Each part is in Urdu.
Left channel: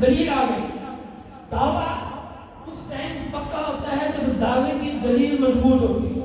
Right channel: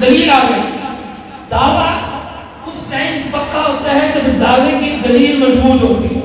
دلیل آ گئی. دعویٰ اس ٹائم پکا ہوتا ہے جب دعوے کی دلیل مضبوط ہوتی ہے.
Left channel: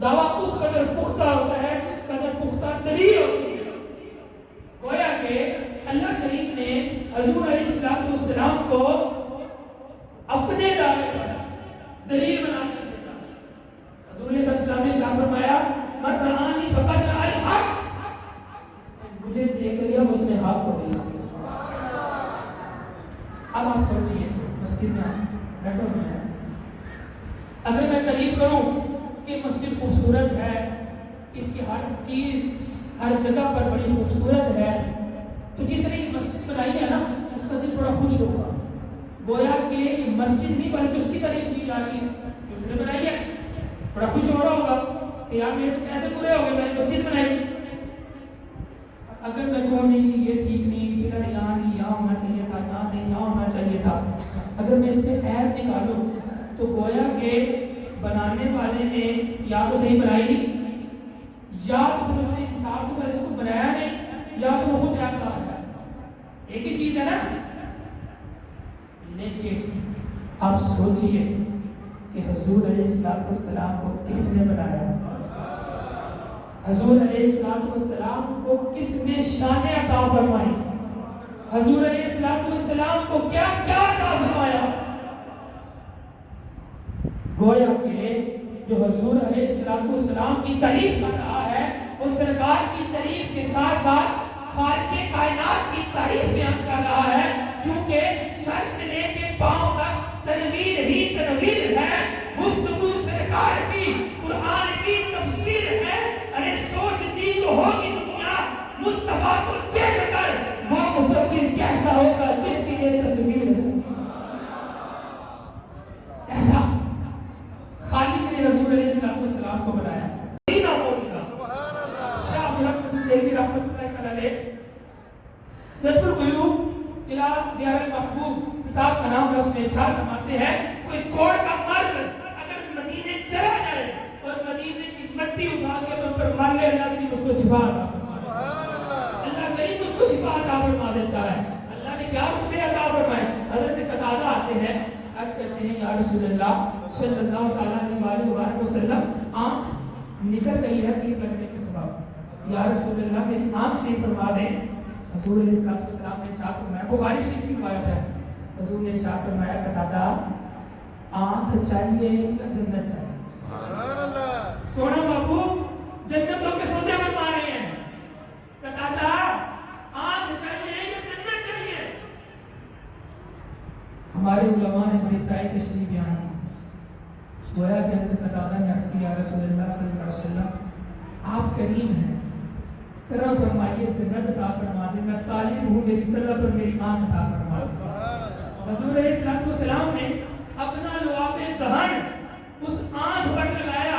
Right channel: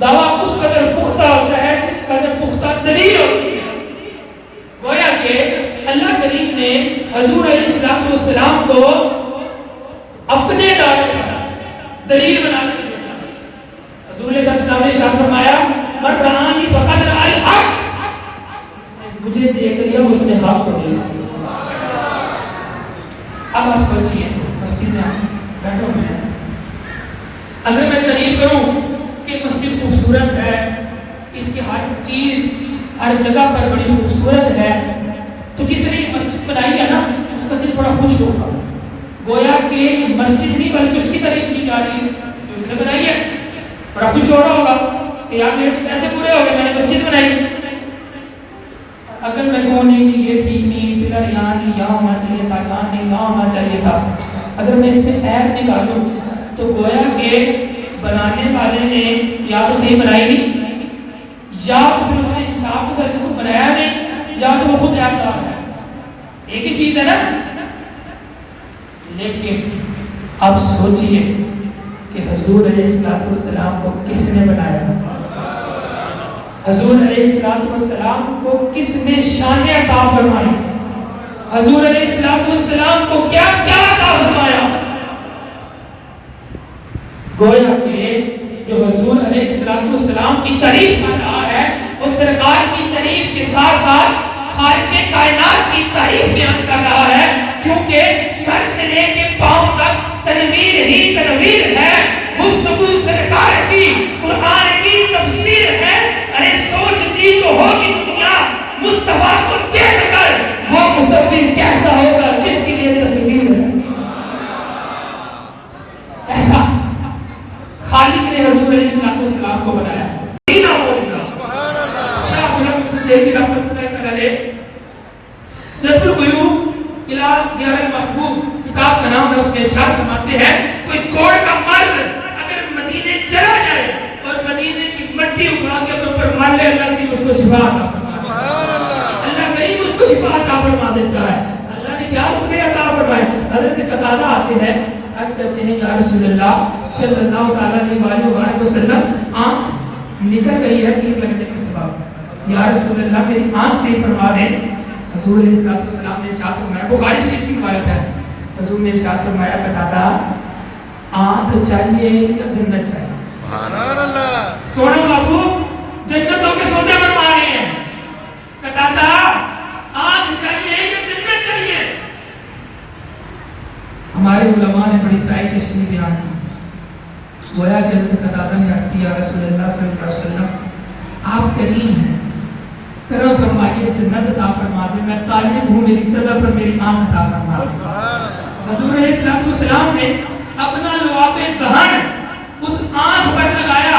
دعویٰ اس قدر پختہ ہوتا ہے جس قدر پختہ دلیل ہوتی ہے. گویا کہ اللہ کریم نے حضور علیہ السلام کو اپنے دعوے کا دلیل بنا کے دیا. حضور علیہ السلام نے ارشاد فرمایا من رآنی فقد رأى الحق، مجھے دیکھ لیا اس نے حق کو دیکھ لیا. اب آپ سوچئے مسجد میں بیٹھا ہوں میں، اگر میں تعریف کروں کہ مسجد خوبصورت ہے، اس کی ہر چیز ہر جگہ پر بڑی خوبصورت ہے، تو جس نے یہ مسجد بنائی ہے نا اس کا دل بڑا خوش ہوگا. گویا کہ مسجد نہیں بلکہ اس کی تعریف کی جا رہی ہے جو اس نے بنائی ہے. بڑا خوش ہو رہا ہوگا کہ یار میرے پیسے پورے ہو گئے، میں نے مسجد بنائی. اگر میں کہوں نہیں یہ ٹھیک نہیں، پلر یہاں نہیں، یہاں ہونا چاہیے تھا، یہاں نہیں، یہاں ہونا چاہیے تھا، اگر میں اس سے عیب نکالوں تو گویا کہ بنانے والے نے یا تو صحیح بنائی نہیں، یا تو پھر اس نے انصاف کے ساتھ اس کو بنایا نہیں، یا تو وہ خود عیب دار ہے. ایک ہی چیز ہے نا. لیکن اب سوچئے کہ حضور علیہ السلام کو کس نے بنایا؟ حضور علیہ السلام کو کس نے شان عطا فرمائی؟ حضور علیہ السلام کو کیا کیا عطا فرمایا؟ گویا کہ جو حضور علیہ السلام کی تعریف کر رہا ہے وہ سرکار کی تعریف کے ساتھ ساتھ خالق کائنات کی تعریف بیان کر رہا ہے، کیونکہ سر سے لے کے پاؤں تک تنویر ہی تنویر ہے. گفتگو سرکار کی، قرآن کی تفسیر ہے. ارے سوچتی تو ہوگی دنیا مصطفیٰ کو دیکھ کر وہ مصور کیسا ہوگا جس کی یہ تصویر ہے. ایسا خالق نے حضور علیہ السلام کو بنایا. شاہ بلند دیوی رحمت اللہ علیہ جذب الغیوب الى غیر المحبوب کتاب کا نام ہے، اس میں ارشاد فرماتے ہیں کوئی کوڑ کا مرد اگر مدینے چلا جائے اور مدینے کی مٹی اگا کے اپنے اوپر مار لے، اللہ کریم اس کو شفا عطا فرماتا ہے. اللہ کریم اس کو شفا عطا فرما دیتا ہے. اللہ نے کیا حکم عطا فرمائے؟ حضرت قتادہ آتے ہیں، عرض کرتے ہیں یا رسول اللہ صلی اللہ تعالی علیہ وسلم آنکھ نکل گئی ہے تیر لگنے کے سبب، یا رسول اللہ میری آنکھ صحیح فرما دیں. حضور علیہ السلام نے ارشاد فرمایا، بخاری شریف کی روایت ہے، حضور نے ارشاد فرمایا قتادہ آنکھ چاہیے یا جنت چاہیے؟ سبحان اللہ. سونا بابو جنتوں کے سودے بنوا رہے ہیں. قتادہ آنکھ چاہیے یا جنت چاہیے؟ ہمارے علماء نے بڑی تائید تشریح بیان کی. گویا کہ حضرت قتادہ نے عرض کیا رسول اللہ صلی اللہ علیہ وسلم آپ کریم ہیں، کرم فرمائیے، جنت عطا فرما دیں، میں طالب ہوں، میری طلب پر میری آنکھ عطا فرما دیں. حضور علیہ السلام نے اپنا لعاب دہن اس آنکھ پر لگایا،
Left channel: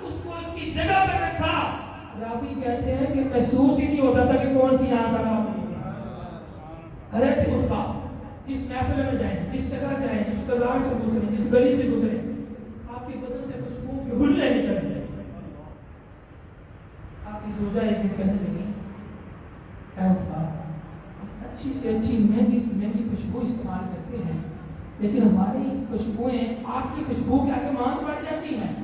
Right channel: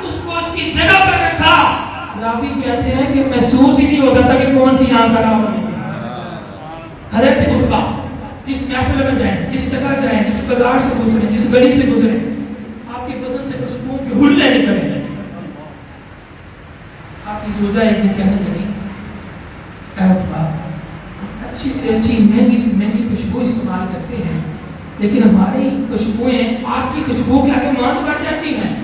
اس کو اس کی جگہ پر رکھا. راوی کہتے ہیں کہ محسوس ہی نہیں ہوتا تھا کہ کون سی آنکھ خراب ہوئی. حضرت عتبہ جس محفل میں جائیں، جس جگہ جائیں، جس بازار سے گزریں، جس گلی سے گزریں، آپ کے بدن سے خوشبو کے ہلے نکلیں. آپ کی زوجہ ایک دن کہنے لگی اے عتبہ اچھی سے اچھی مہنگی سے مہنگی خوشبو استعمال کرتے ہیں، لیکن ہماری خوشبوئیں آپ کی خوشبو کے آگے ماند بڑھ جاتی ہیں،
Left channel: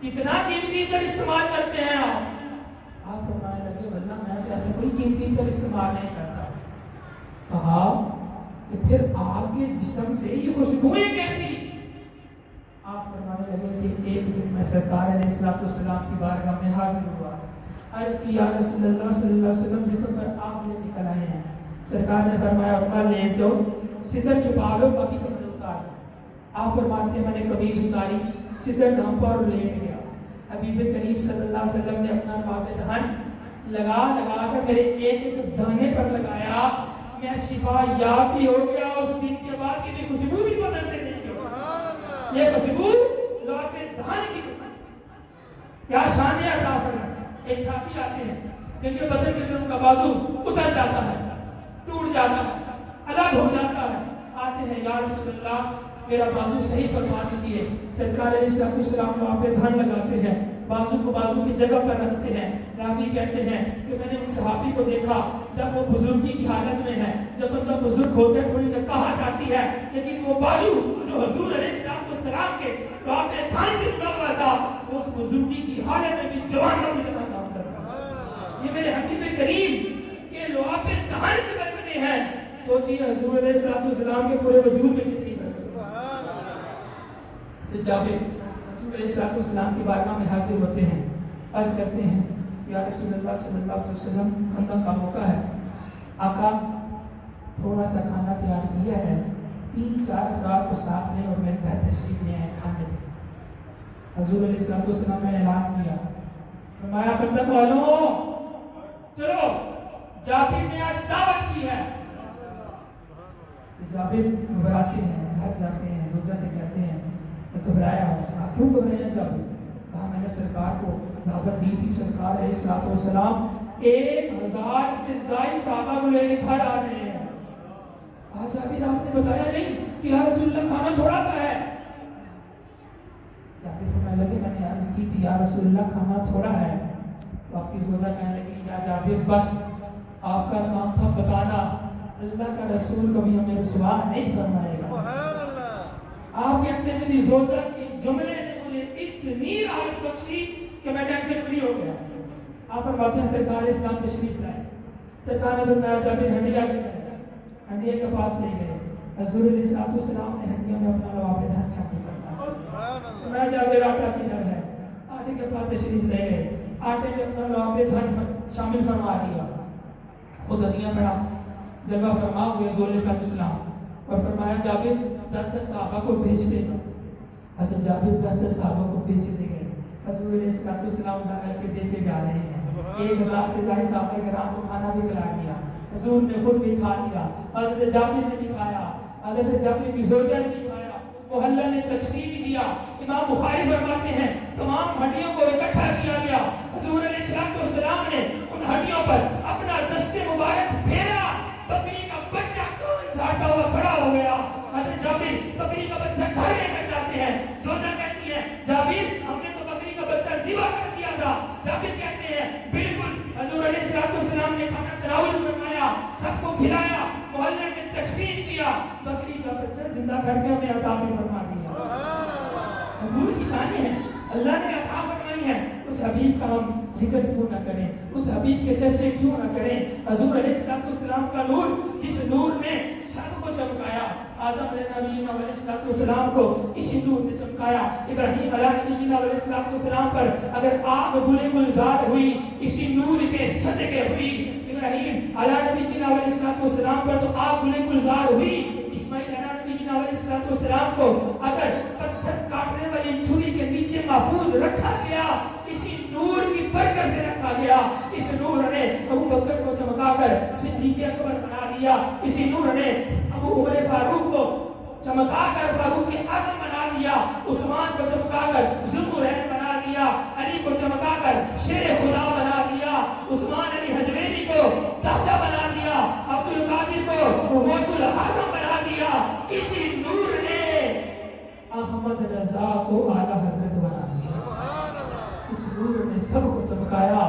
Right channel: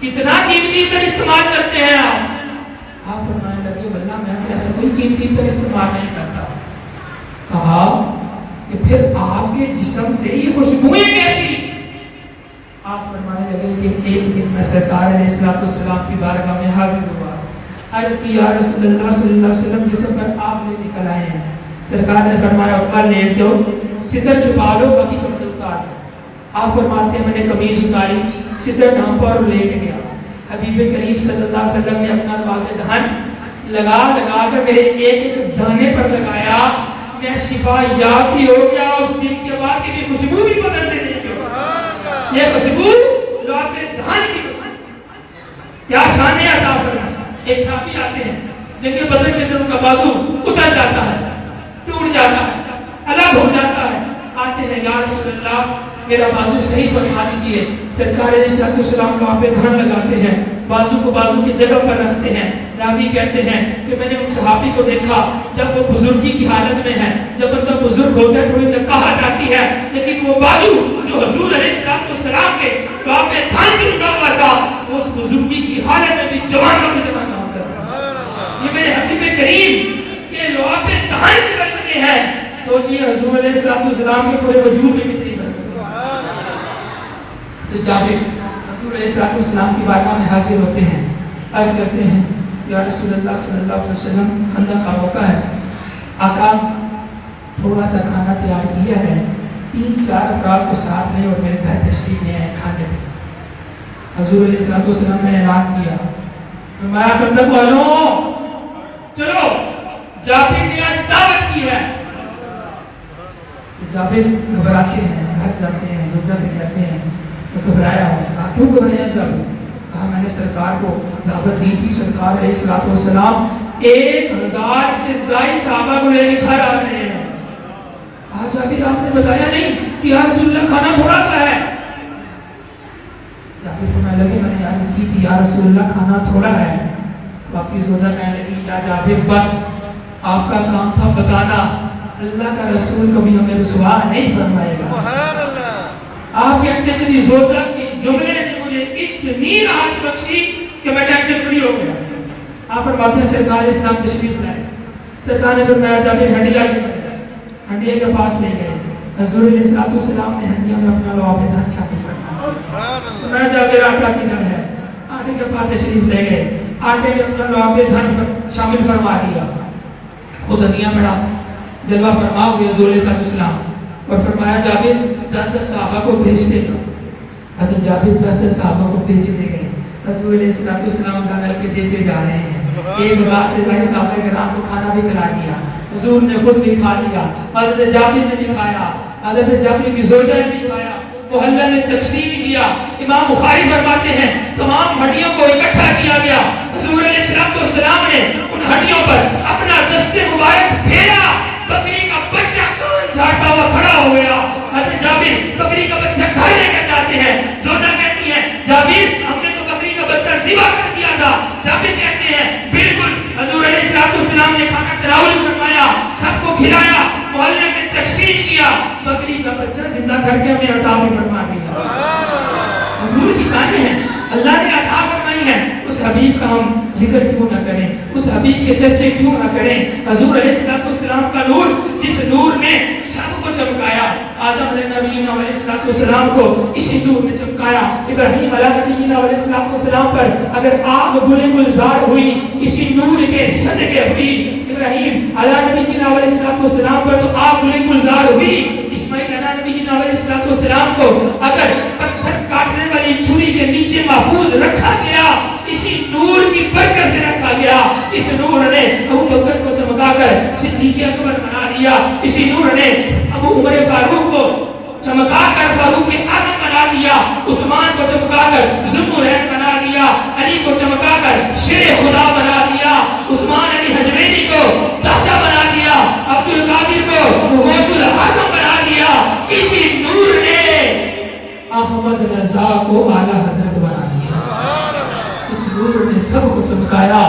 کتنا قیمتی عطر استعمال کرتے ہیں آپ؟ آپ فرمانے لگے واللہ میں ایسا کوئی قیمتی عطر استعمال نہیں کرتا. کہا کہ پھر آپ کے جسم سے یہ خوشبوئیں کیسی؟ آپ فرمانے لگے کہ ایک دن میں سرکار علیہ السلام کی بارگاہ میں حاضر ہوا، عرض کی یا رسول اللہ صلی اللہ علیہ وسلم جسم پر آپ لے نکل آئے ہیں. سرکار نے فرمایا عتبہ لیٹ جاؤ، ستر چھپا لو، باقی کپڑے اتار دو. آپ فرماتے ہیں میں نے قمیض اتاری، ستر ڈھانپا اور لیٹ گیا. حبیب کریم صلی اللہ علیہ وسلم نے اپنا لعاب دہن لگا کر میرے ایک ایک دانے پر لگایا. میں شفا یاب بھی ہو گیا. اس دن کے بعد کی خوشبو بھی بدن سے نہیں ہو. یہ خوشبو لعاب دہن کی خوشبو کیا شان عطا فرمائی. ایک صحابی آتے ہیں، دیکھیں بدن کے اندر ان کا بازو اتر جاتا ہے، ٹوٹ جاتا ہے، الگ ہو جاتا ہے. آتے ہیں یا رسول اللہ میرا بازو صحیح فرما دیجیے. سرکار علیہ السلام کو آپ پہ دھیان لگاتے ہیں, بازو کو بازو کی جگہ پر رکھتے ہیں. راوی کہتے ہیں کہ میں نے ان صحابی کو دیکھا جب وہ بزرگی کی حالت میں ہے, جب ان کا بزرگ ہوتا ہے تھوڑی نکاہت آتی ہے, لیکن وہ بازو جو حضور علیہ السلام کے دعا پہ دھان سے اٹھا ہوا تھا, وہ اس بزرگی کی حالت میں بھی جوانوں کی جوان کام کر رہا ہے. یہ میرے حبیب کریم کے دعا پہ دھان کی برکتیں ہیں. سوچئے حضور علیہ السلام کے پورے وجود میں کتنی برکت. تو جابر حضور علیہ السلام کی بارگاہ میں حاضر ہوتے ہیں, عرض کرتے ہیں یا رسول اللہ صلی اللہ علیہ وسلم, خندق کا موقع ہے, آقا تھوڑا سا کھانا تیار کیا ہے, 3-4 افراد کو ساتھ لیں اور میرے گھر تشریف لے آئیں کھانے میں. حضور علیہ السلام نے اعلان کیا, فرمایا خندق والوں چلو, جابر نے آج دعوت کی ہے. جابر گھبراتے ہیں, گھر جاتے ہیں, زوجہ سے کہتے ہیں, وہ گھبرایا ہوا. کیوں گھبرایا جابر؟ کہا میں نے سرکار کو دعوت دی تھی, سرکار علیہ السلام 1000 سے زائد صحابہ کو لے کے گھر آ رہے ہیں. کہا جابر آپ نے بتایا نہیں کہ یا رسول اللہ کھانا تھوڑا سا ہے. جابر فرمانے لگے میں نے عرض کی تھی یا رسول اللہ کھانا تھوڑا ہے. تو آپ کی زوجہ کہنے لگی یا جابر بس آپ کا کام تھا بتانا, اللہ کا رسول کبھی ہمیں رسوا نہیں فرمائے گا. آپ کے اندر میری زوجہ کے جملے نے مجھے اتنی راحت بخشی کہ میں ٹینشن فری ہو گیا. آپ فرماتے ہیں سرکار اسلام تشریف لائے. سرکار نے فرمایا جابر ہنڈیا کے ہنڈیا کے پاس لے گئے. حضور علیہ السلام نے ہنڈیا میں اپنا لعاب دھان شامل کرنا. میں جابر آٹا کدھر ہے, آٹے کے پاس تشریف لے گئے, آٹے میں اپنا لعاب دھان شامل فرما دیا. خود ہنڈیا بڑا جلوہ فرما ہوئے حضور علیہ السلام, اور فرمایا جابر 10 صحابہ کو بھیجتے گا. حضرت جابر 10 صحابہ کو بھیجتے گئے. حضور علیہ السلام ڈال کے دیتے جا رہے ہیں. 1000 سے زائد صحابہ کرام کو کھانا بھی کھلا دیا. حضور نے خود بھی کھا لیا, حضرت جابر نے بھی کھایا, حضرت جابر کی زوجہ نے بھی کھایا. محلہ نے تقسیم کیا. امام بخاری فرماتے ہیں تمام ہڈیوں کو اکٹھا کیا گیا. حضور علیہ السلام نے ان ہڈیوں پر اپنا دست مبارک پھیرا. بکری کا بچہ کان جھاڑتا ہوا کھڑا ہو گیا. حضرت جابر بکری کا بچہ گھر لے کر جاتے ہیں. زوجہ کہتی ہے جابر ہم نے تو بکری کا بچہ ذبح کر دیا تھا. جابر کہتے ہیں بالکل, حضور علیہ السلام نے کھانا تناول فرمایا, سب کو کھلایا, محلے میں تقسیم کیا, بکری کا بچہ زندہ کر کے ہمیں عطا بھی فرما دیا. حضور کی شان ہے, اللہ نے عطا فرمائی ہے. اس حبیب کا ہم ذکر کیوں نہ کریں, اس حبیب کے چرچے کیوں نہ کریں. حضور علیہ السلام کا نور, جس نور نے سب کو چمکایا. آدم علیہ السلام کو اسی نور نے چمکایا. ابراہیم علیہ السلام پر اگر آگ گلے گلزار ہوئی اسی نور کے صدقے ہوئی. ابراہیم علیہ السلام پر تو آگ گلے گلزار ہوئی. اسماعیل علیہ السلام کو اگر پتھر کاٹنے والی چھری کے نیچے محفوظ رکھا گیا اسی نور کی برکت سے رکھا گیا. اس نور نے ابو بکر کو چمکا کر صدیق اکبر بنا دیا. اسی نور نے ابو عمر فاروق کو چمکا کر فاروق اعظم بنا دیا. عثمان کو چمکا کر ذوالنورین بنا دیا. علی کو چمکا کر شیر خدا بنا دیا. عثمان علی حجویری کو تحتہ بنا دیا. عبد القادر کو غوث الاعظم بنا دیا. اسی نور نے احمد رضا کو اعلی حضرت بنا دیا. اس نور نے سب کو چمکایا.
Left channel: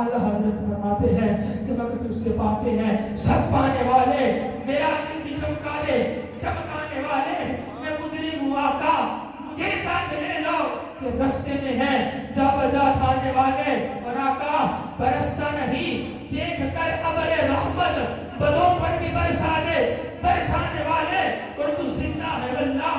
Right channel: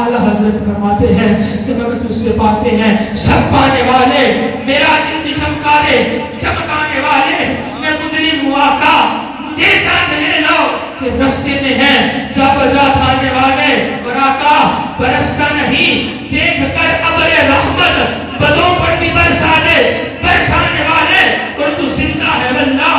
اعلی حضرت فرماتے ہیں چمک تجھ سے پاتے ہیں سب پانے والے, میرا دل بھی چمکا دے چمکانے والے. میں مجرم ہوا کا مجھے ساتھ لے لو کہ رستے میں ہیں جا بجا کھانے والے. اور آقا برستا نہیں دیکھ کر ابر رحمت بدوں پر بھی برسا دے برسانے والے. اور تو زندہ ہے واللہ,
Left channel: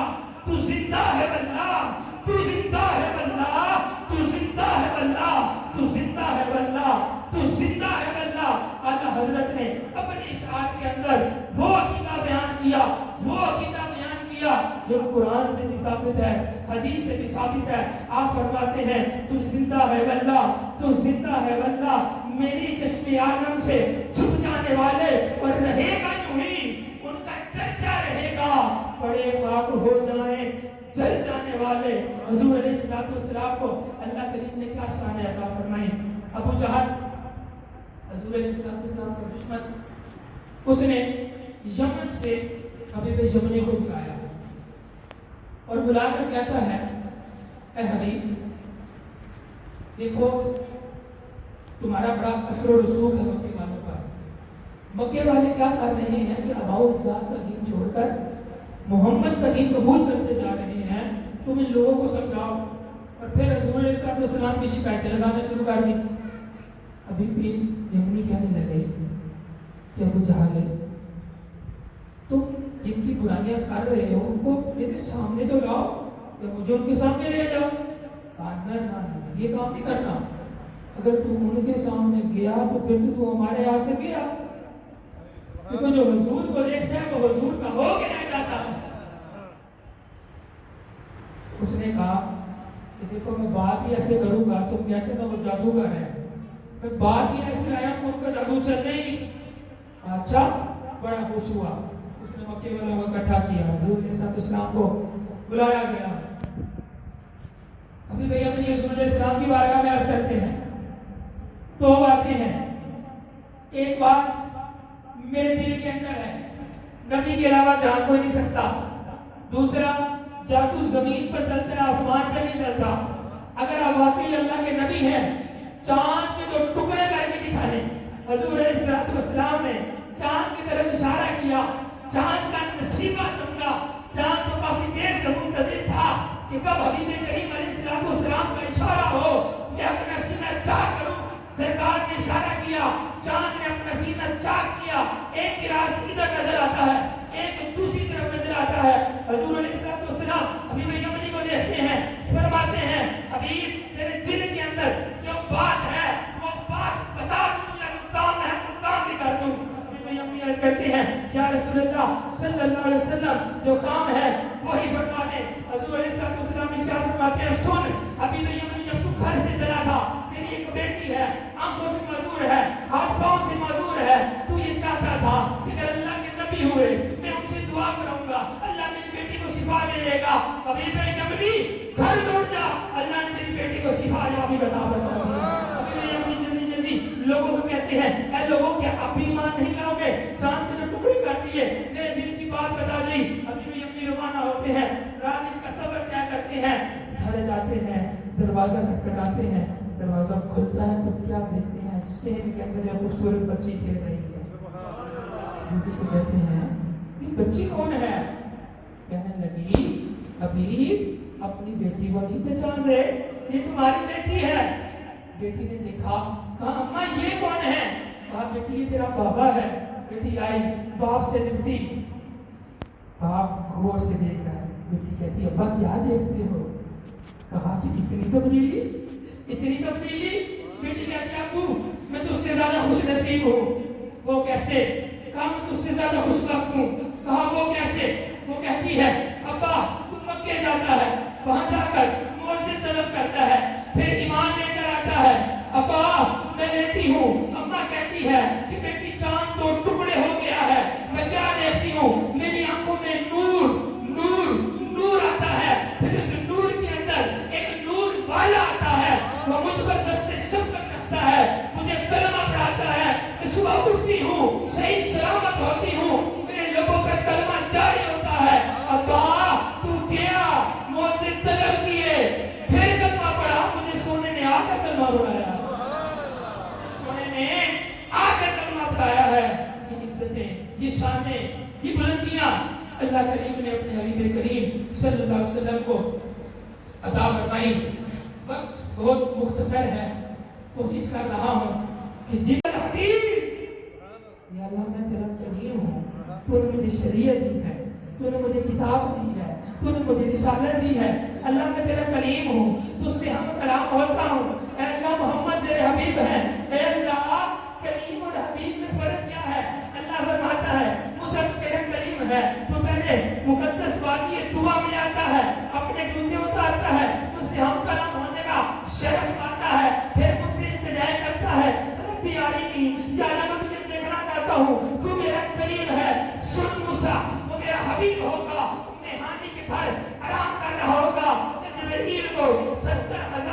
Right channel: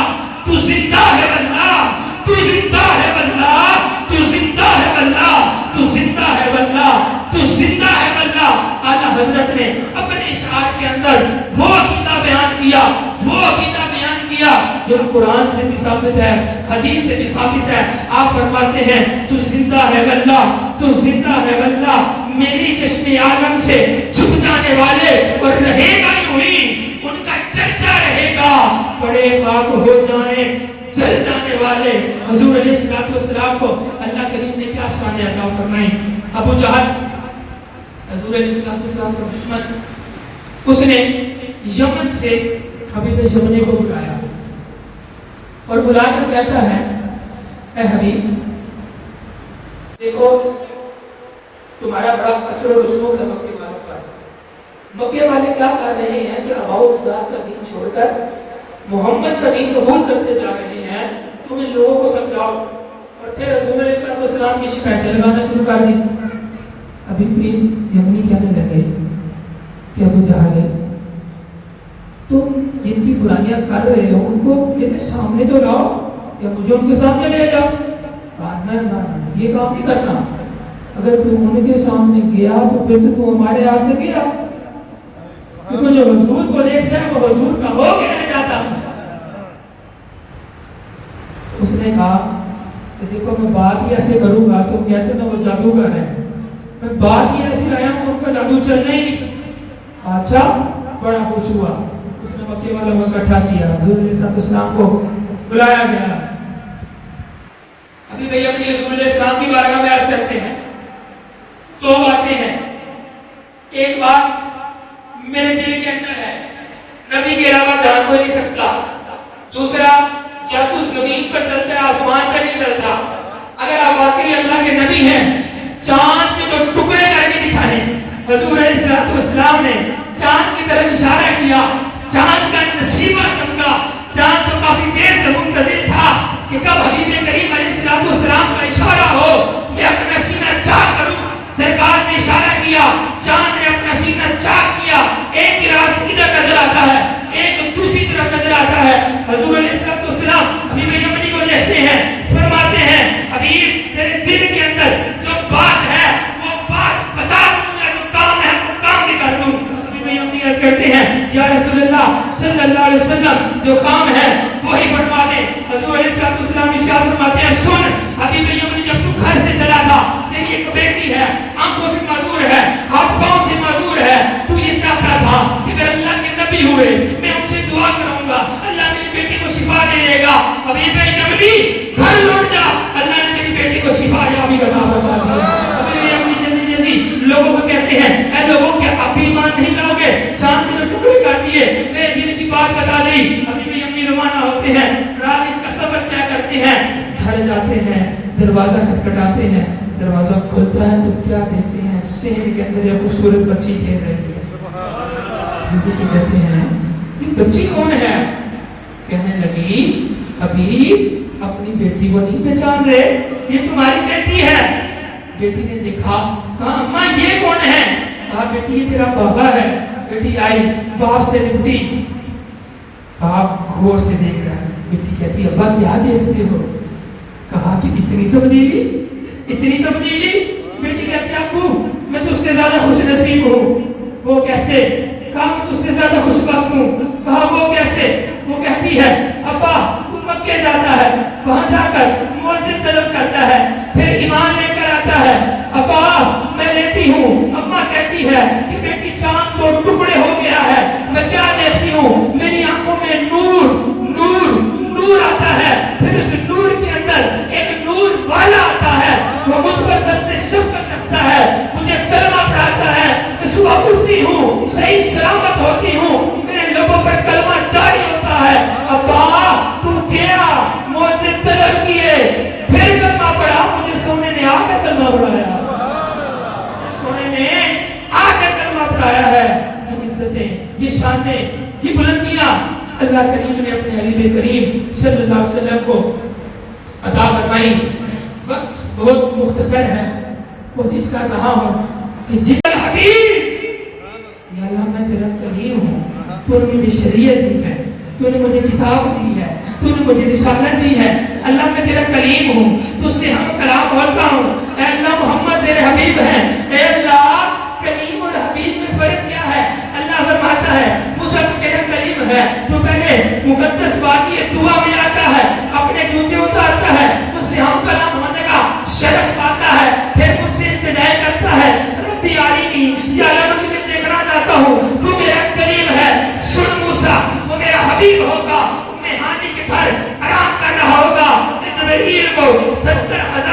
تو زندہ ہے واللہ, تو زندہ ہے واللہ, تو زندہ ہے واللہ, تو زندہ ہے واللہ, تو زندہ ہے واللہ. اعلیٰ حضرت نے اپنے اشعار کے اندر وہ عقیدہ بیان کیا, وہ عقیدہ بیان کیا جو قرآن سے بھی ثابت ہے, حدیث سے بھی ثابت ہے. آپ فرماتے ہیں تو زندہ ہے واللہ, تو زندہ ہے واللہ, میری چشم عالم سے چھپ جانے والے اور رہے گا یوں ہی ان کا چرچا رہے گا. بڑے خاک ہو جائیں جل جانے والے. حضور علیہ السلام کو اللہ کریم نے کیا شان عطا فرمائی. ابو جہل حضور علیہ السلام کا دشمن, اس نے یمن سے حبیب یمنی کو بلایا. اور بلا کر کہتا ہے اے حبیب دیکھو تمہارا بڑا اثر و رسوخ ہے مکے والوں پر. مکے والے کیا کر رہے ہیں کہ آباء و اجداد کا دین چھوڑ کر محمد کا دین قبول کرتے جا رہے ہیں. تم ان لوگوں کو سمجھاؤ. اور پھر حضور علیہ السلام کی شکایتیں لگانا شروع کر دی. ابھی بھی یمنی کہنے لگے کہ ابو جہل تم جن کی برائیاں کر رہے ہو ان کو میرے سامنے تو لاؤ یا مجھے ان کے سامنے لے جاؤ. نہ یہ کام نہیں کرنا. اگر تم ان کے سامنے گیا تو پھر تو تم ہمارے ہاتھ سے گیا. کیونکہ جو حضور کو دیکھتا ہے وہ حضور کا ہو کے رہ جاتا ہے. اس نے کہا کہ دیکھو میں بات ہی ایسے کروں گا تم کہتے نا وہ جادوگر ہے. میں بات ہی ایسی لایا ہوں ان کا جادو چلنا ہی نہیں. اچھا بڑا خوش ہوا. اس نے مکے والوں کو اکٹھا کیا. حضور علیہ السلام کو بلایا گیا. ابھی بھئی اپنی حضور علیہ السلام کی بارگاہ میں عرض کرتے ہیں. دو باتیں ہیں. ایک بات میرے دل کے اندر ہے نبی کے علاوہ جان کوئی نہیں سکتا. دوسرا جادو زمین پر چلتا ہے آسمان پر نہیں چلتا. اگر آپ واقعی اللہ کے نبی ہیں چاند کے جو ٹکڑے کر کے دکھائیں. حضور علیہ السلام نے چاند کی طرف اشارہ کیا. چاند کا نصیبہ چمکا. چاند تو کافی دیر سے منتظر تھا کہ کب حبیب کریم علیہ السلام کا اشارہ ہو میں اپنا سینہ چاک کروں. سرکار نے اشارہ کیا. چاند نے اپنا سینہ چاک کیا. ایک کی راز ادھر نظر آتا ہے ایک دوسری طرف نظر آتا ہے. حضور علیہ السلام حبیب یمنی کو دیکھتے ہیں فرماتے ہیں حبیب تیرے دل کے اندر جو بات ہے وہ بات بتا دوں. جو کام ہے وہ کام بھی کر دوں. حبیب یمنی عرض کرتے ہیں یا رسول اللہ صلی اللہ علیہ وسلم جو کام ہے وہی فرما دیں. حضور علیہ السلام ارشاد فرماتے ہیں سن حبیب یمنی جب تو گھر سے چلا تھا تیری ایک بیٹی ہے آنکھوں سے معذور ہے ہاتھ پاؤں سے معذور ہے. تو یہ چاہتا تھا کہ اگر اللہ کے نبی ہوئے میں ان سے دعا کروں گا اللہ میری بیٹی کو شفا دے دے گا. حبیب یمنی گھر لوٹ جا اللہ نے میری بیٹی کو شفا یابی عطا فرما دیا. حبیب یمنی جلدی جلدی لوگوں کو کہتے ہیں اے لوگوں کیا اب بھی ایمان نہیں لاؤ گے. چاند کے جو ٹکڑے کر دیے میں دل کی بات بتا دی. حبیب یمنی روانہ ہوتے ہیں. رات کا سفر طے کرتے ہیں. گھر جاتے ہیں دروازہ کھٹکھٹاتے ہیں. دروازہ کھلتا ہے تو کیا دیکھتے ہیں صحن کے اندر ایک خوبصورت بچی کھیل رہی ہے. بیوی سے کہتے ہیں یہ بچی کون ہے؟ کہنے لگی ابھی اپنی بیٹی کو نہیں پہچان رہے یہ تمہاری بیٹی ہے. بیٹی نے دیکھا ہاں اماں یہ کون ہے؟ کہا بیٹی یہ تیرا بابا ہے. بیٹی آئی باپ سے لپٹی. باپ غور سے دیکھ رہا ہے. بیٹی کہتی ابا کیا دیکھتے ہو؟ کہا کہ اتنی تبدیلی اتنی تبدیلی. بیٹی کہتی ابو میں تجھ سے زیادہ خوش نصیب ہوں. وہ کیسے؟ کہا میں تجھ سے زیادہ خوش بخت ہوں. کہا وہ کیسے؟ وہ کہتی ہے ابا تو مکے جاتا ہے وہاں جا کر مؤذن طلب کرتا ہے پھر ایمان لے کر آتا ہے. ابا میں لیتی ہوں. اماں کہتی ہے کہ بیٹی چاند تو ٹکڑے ہو گیا ہے میں کیا دیکھتی ہوں میری آنکھوں میں نور نور نور آتا ہے. پھر اس نور کے اندر ایک نور والا آتا ہے وہ مجھ پر دست شفقت رکھتا ہے مجھے کلمہ پڑھاتا ہے. میں صبح اٹھتی ہوں صحیح سلامت ہوتی ہوں میرے لوگوں پر کلمہ جاری ہوتا ہے. ابا تو گیا مؤذن طلب کیے پھر کلمہ پڑھا. مجھے سونے نے آ کر کلمہ پڑھایا. سونے نے آ کر کلمہ پڑھایا ہے. یہ عزتیں یہ شانیں یہ بلندیاں اللہ کریم نے اپنے حبیب کریم صلی اللہ علیہ وسلم کو عطا فرمائی. وقت بہت مختصر ہے. کوشش کر رہا ہوں کہ جتنا حبیب یا اللہ میں تیرا کریم ہوں. تو نے مجھے شریعت دی ہے تو نے مجھے کتاب دی ہے تو نے مجھے رسالت دی ہے. اللہ میں تیرا کلیم ہوں تو سے ہم کلام ہوتا ہوں. اے اللہ محمد تیرے حبیب ہیں. اے اللہ کلیم اور حبیب میں فرق کیا ہے؟ اللہ فرماتا ہے موسیٰ تو میرا کلیم ہے جو پہلے مقدس وادی دعا میں آتا ہے اپنے جوتے اتارتا ہے تو سے ہم کلام ہونے کا شرف پاتا ہے. پھر مجھ سے التجا کرتا ہے ربی آرینی یا اللہ میں تجھے دیکھنا چاہتا ہوں تو میرا کلیم ہے. سن موسیٰ وہ میرا حبیب ہوگا. ہانی کے گھر آرام کر رہا ہوگا. جبرائیل کو 70,000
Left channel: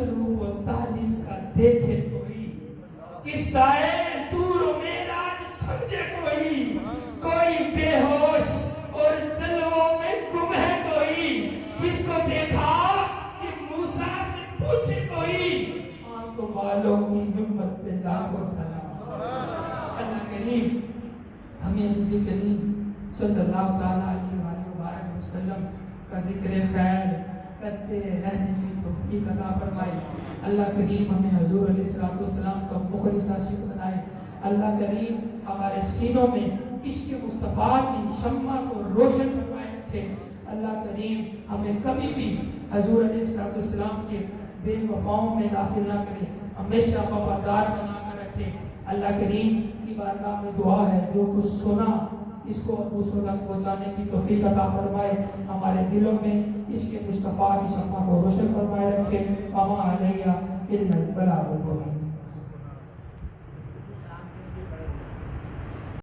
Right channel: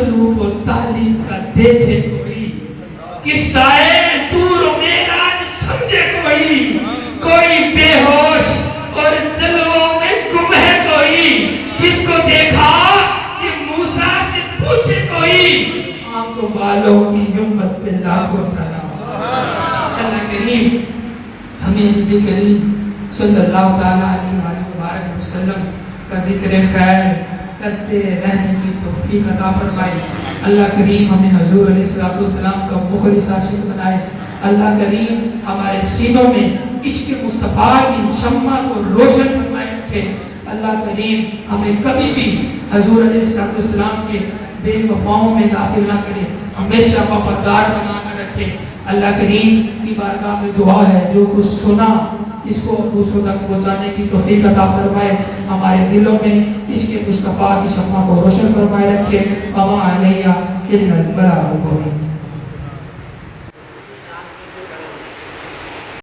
مطلوب و تعلیم کا دیکھے کوئی، قصہ دور و میراج سمجھے کوئی بے ہوش اور جلووں میں گم ہے کوئی، جس کو دیکھا کہ موسیٰ سے پوچھے کوئی، آنکھوں والوں کی ہمت پہ لاکھوں سلام۔ اللہ کریم ہمیں نبی کریم صلی اللہ تعالیٰ علیہ وسلم کا ذکر خیر کرتے رہنے کی توفیق عطا فرمائے۔ اللہ کریم ہمیں حضور علیہ السلام کا مخلص عاشق بنائے۔ اللہ کریم ہمارے سینوں میں عشق مصطفیٰ کی شمع کو روشن فرمائے رکھے۔ اللہ کریم ہمیں کبھی بھی حضور علیہ السلام کے بے وفاؤں میں داخل نہ کرے، ہمیشہ وفادار بنا کر رکھے۔ اللہ کریم کی بارگاہ میں دعا ہے، جو کچھ سنا اس کو دوسروں تک پہنچانے کی توفیق عطا فرمائے، ہمارے دلوں میں عشق مصطفیٰ کی شمع کو روشن فرمائے رکھے۔ وما علیہ الا البلاغ المبین۔